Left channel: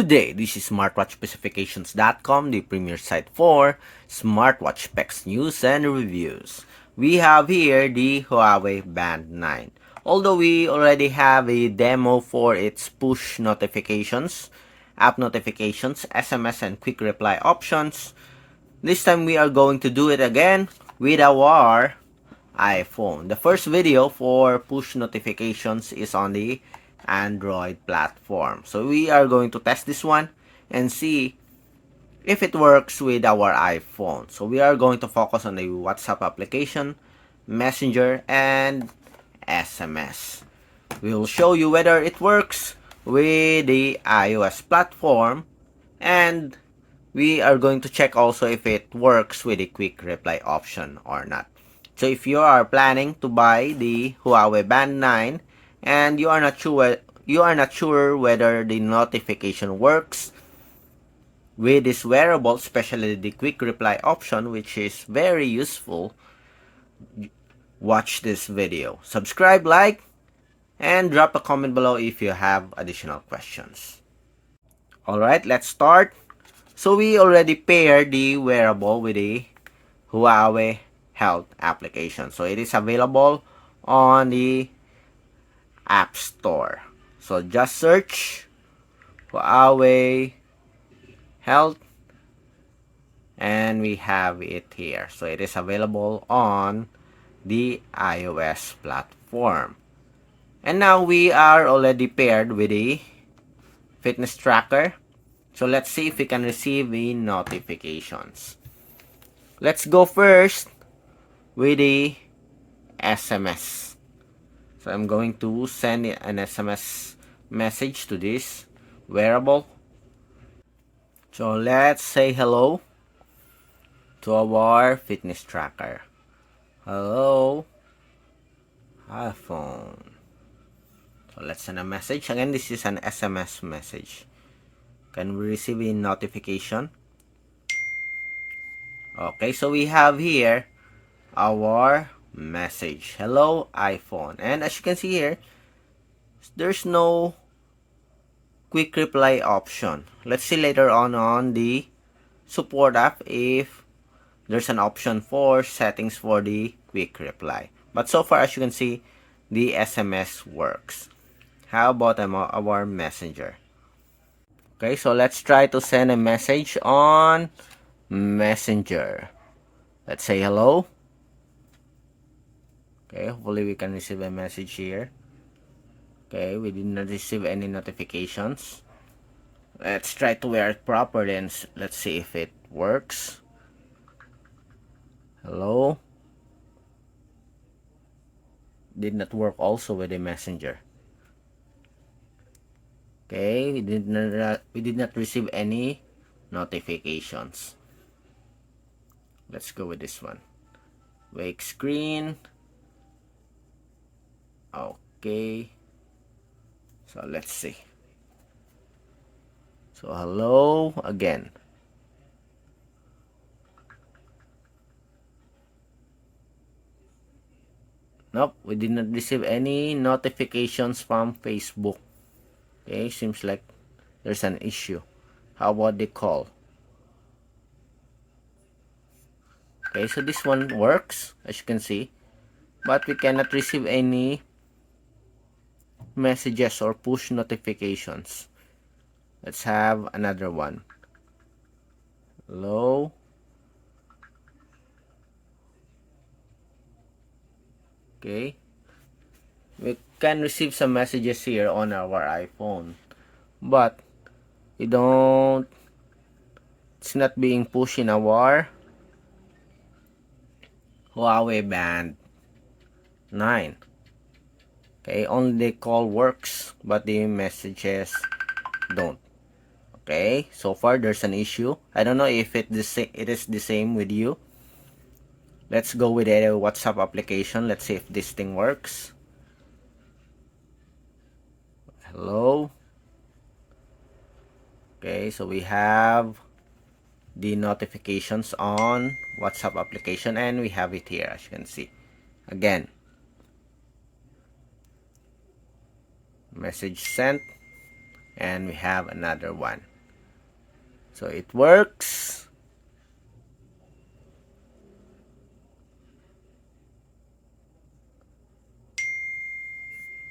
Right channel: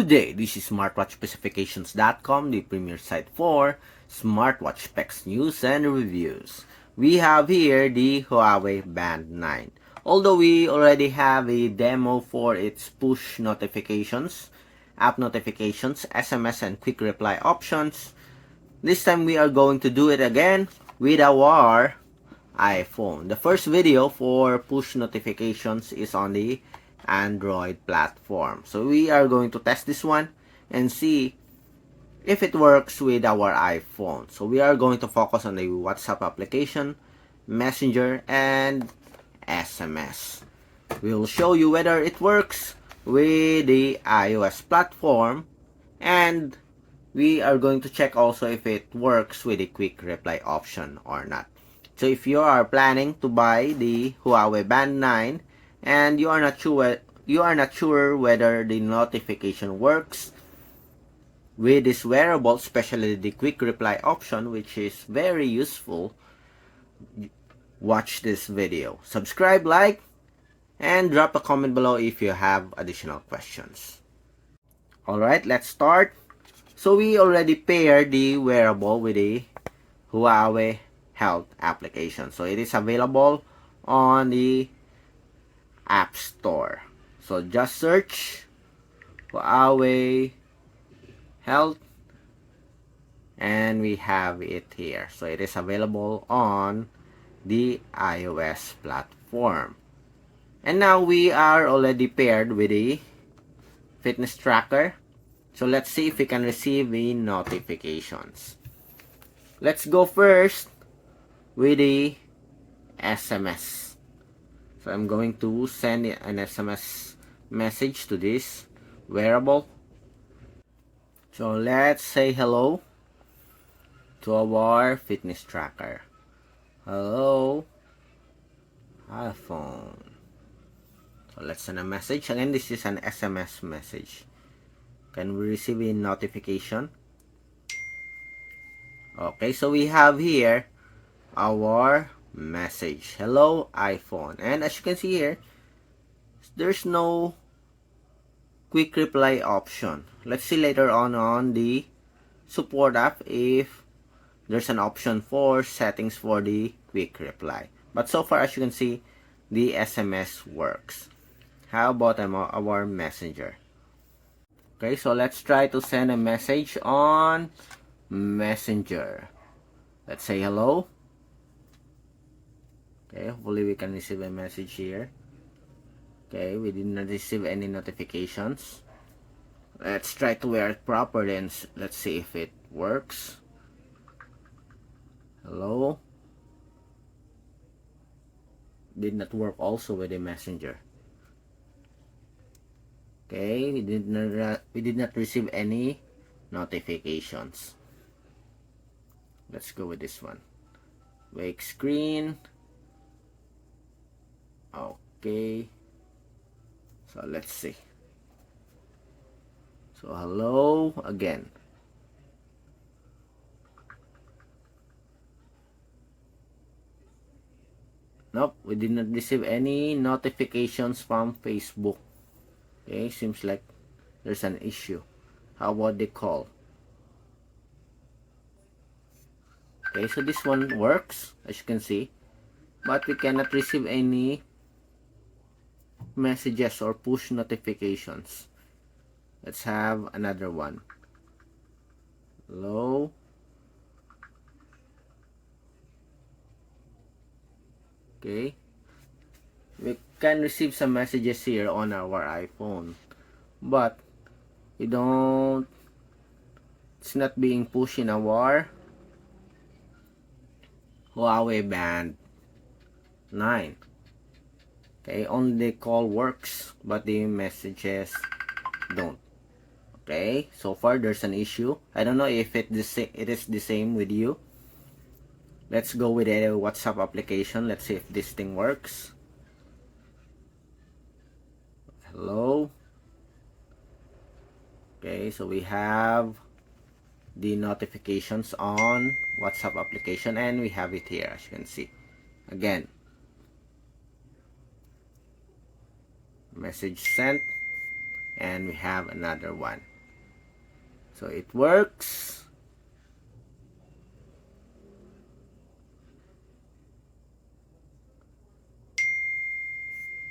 Good day, this is smartwatchspecifications.com, the premier site for smartwatch specs, news, and reviews. We have here the Huawei Band 9. Although we already have a demo for its push notifications, app notifications, SMS, and quick reply options, this time we are going to do it again with our iPhone. The first video for push notifications is on the Android platform. So we are going to test this one and see if it works with our iPhone. So we are going to focus on the WhatsApp application, Messenger, and SMS. We will show you whether it works with the iOS platform, and we are going to check also if it works with the quick reply option or not. So if you are planning to buy the Huawei Band 9 and you are not sure whether the notification works with this wearable, especially the quick reply option, which is very useful, watch this video. Subscribe, like, and drop a comment below if you have additional questions. Alright, let's start. So we already paired the wearable with the Huawei Health application. So it is available on the App Store. So just search Huawei Health and we have it here. So it is available on the iOS platform. And now we are already paired with a fitness tracker. So let's see if we can receive the notifications. Let's go first with the SMS. So I'm going to send an SMS message to this wearable. So let's say hello to our fitness tracker. Hello, iPhone. So let's send a message. Again, this is an SMS message. Can we receive a notification? Okay, so we have here our message. Hello, iPhone. And as you can see here, there's no quick reply option. Let's see later on the support app if there's an option for settings for the quick reply. But so far, as you can see, the SMS works. How about our messenger? Okay, so let's try to send a message on Messenger. Let's say hello. Okay, hopefully we can receive a message here. Okay, we did not receive any notifications. Let's try to wear it properly and let's see if it works. Hello. Did not work also with the messenger. Okay, we did not receive any notifications. Let's go with this one. Wake screen. Okay. So let's see. So hello again. Nope, we did not receive any notifications from Facebook. Okay, seems like there's an issue. How about the call? Okay, so this one works, as you can see, but we cannot receive any messages or push notifications. Let's have another one. Hello. Okay, we can receive some messages here on our iPhone, but it's not being pushed in our Huawei Band 9. Okay, only the call works, but the messages don't. Okay, so far there's an issue. I don't know if it is the same with you. Let's go with a WhatsApp application. Let's see if this thing works. Hello. Okay, so we have the notifications on WhatsApp application and we have it here, as you can see. Again, message sent, and we have another one. So it works.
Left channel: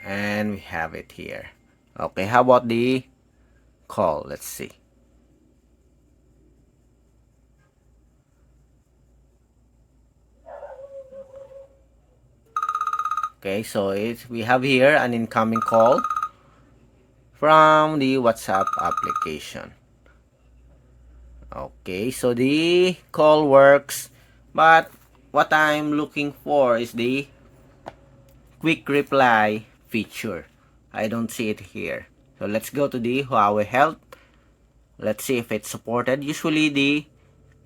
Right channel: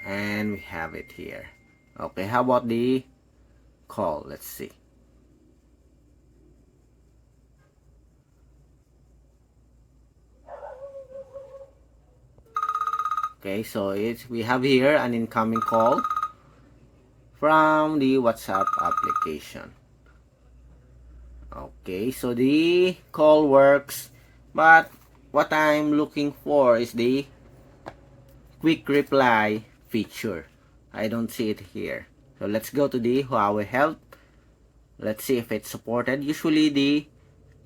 And we have it here. Okay, how about the call? Let's see. Okay, so we have here an incoming call from the WhatsApp application. Okay, so the call works, but what I'm looking for is the quick reply feature. I don't see it here. So let's go to the Huawei Health. Let's see if it's supported. Usually the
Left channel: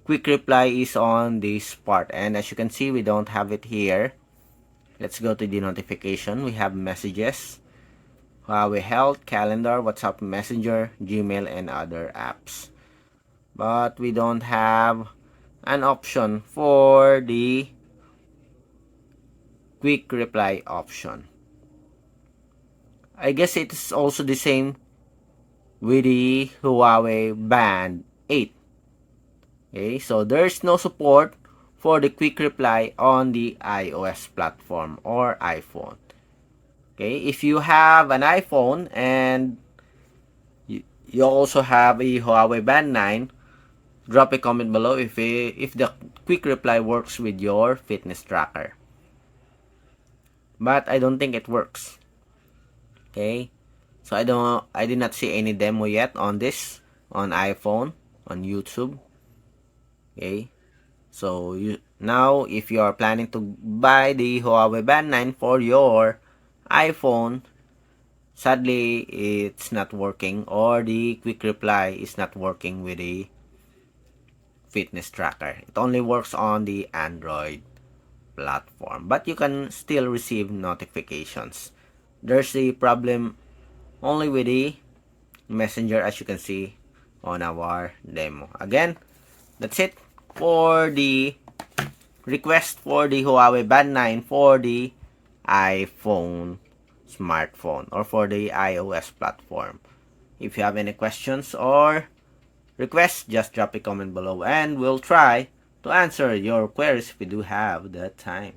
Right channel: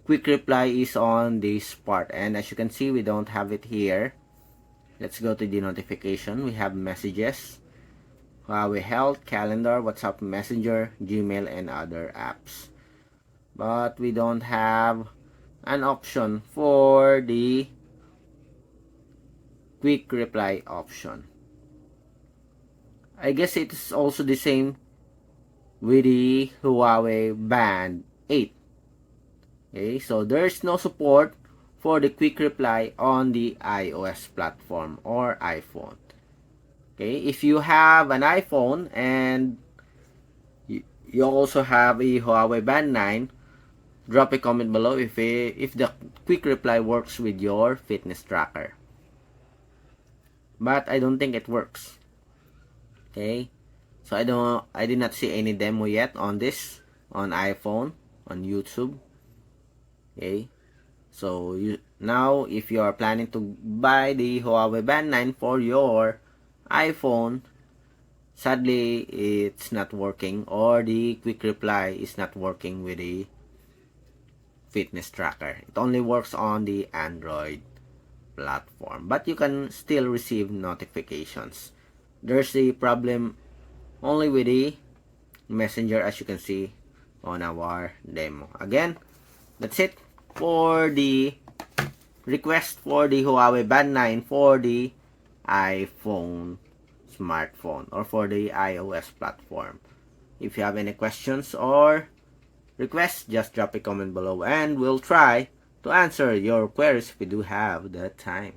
quick reply is on this part, and as you can see, we don't have it here. Let's go to the notification. We have messages, Huawei Health, Calendar, WhatsApp Messenger, Gmail, and other apps. But we don't have an option for the quick reply option. I guess it is also the same with the Huawei Band 8. Okay, so there's no support for the quick reply on the iOS platform or iPhone. Okay, if you have an iPhone and you also have a Huawei Band 9, drop a comment below if the quick reply works with your fitness tracker. But I don't think it works. Okay, so I did not see any demo yet on this on iPhone, on YouTube. Okay, so now if you are planning to buy the Huawei Band 9 for your iPhone, sadly it's not working, or the quick reply is not working with the fitness tracker. It only works on the Android platform, but you can still receive notifications. There's the problem only with the Messenger, as you can see on our demo. Again, that's it for the request for the Huawei Band 9 for the iPhone smartphone or for the iOS platform. If you have any questions or requests, just drop a comment below and we'll try to answer your queries if we do have the time.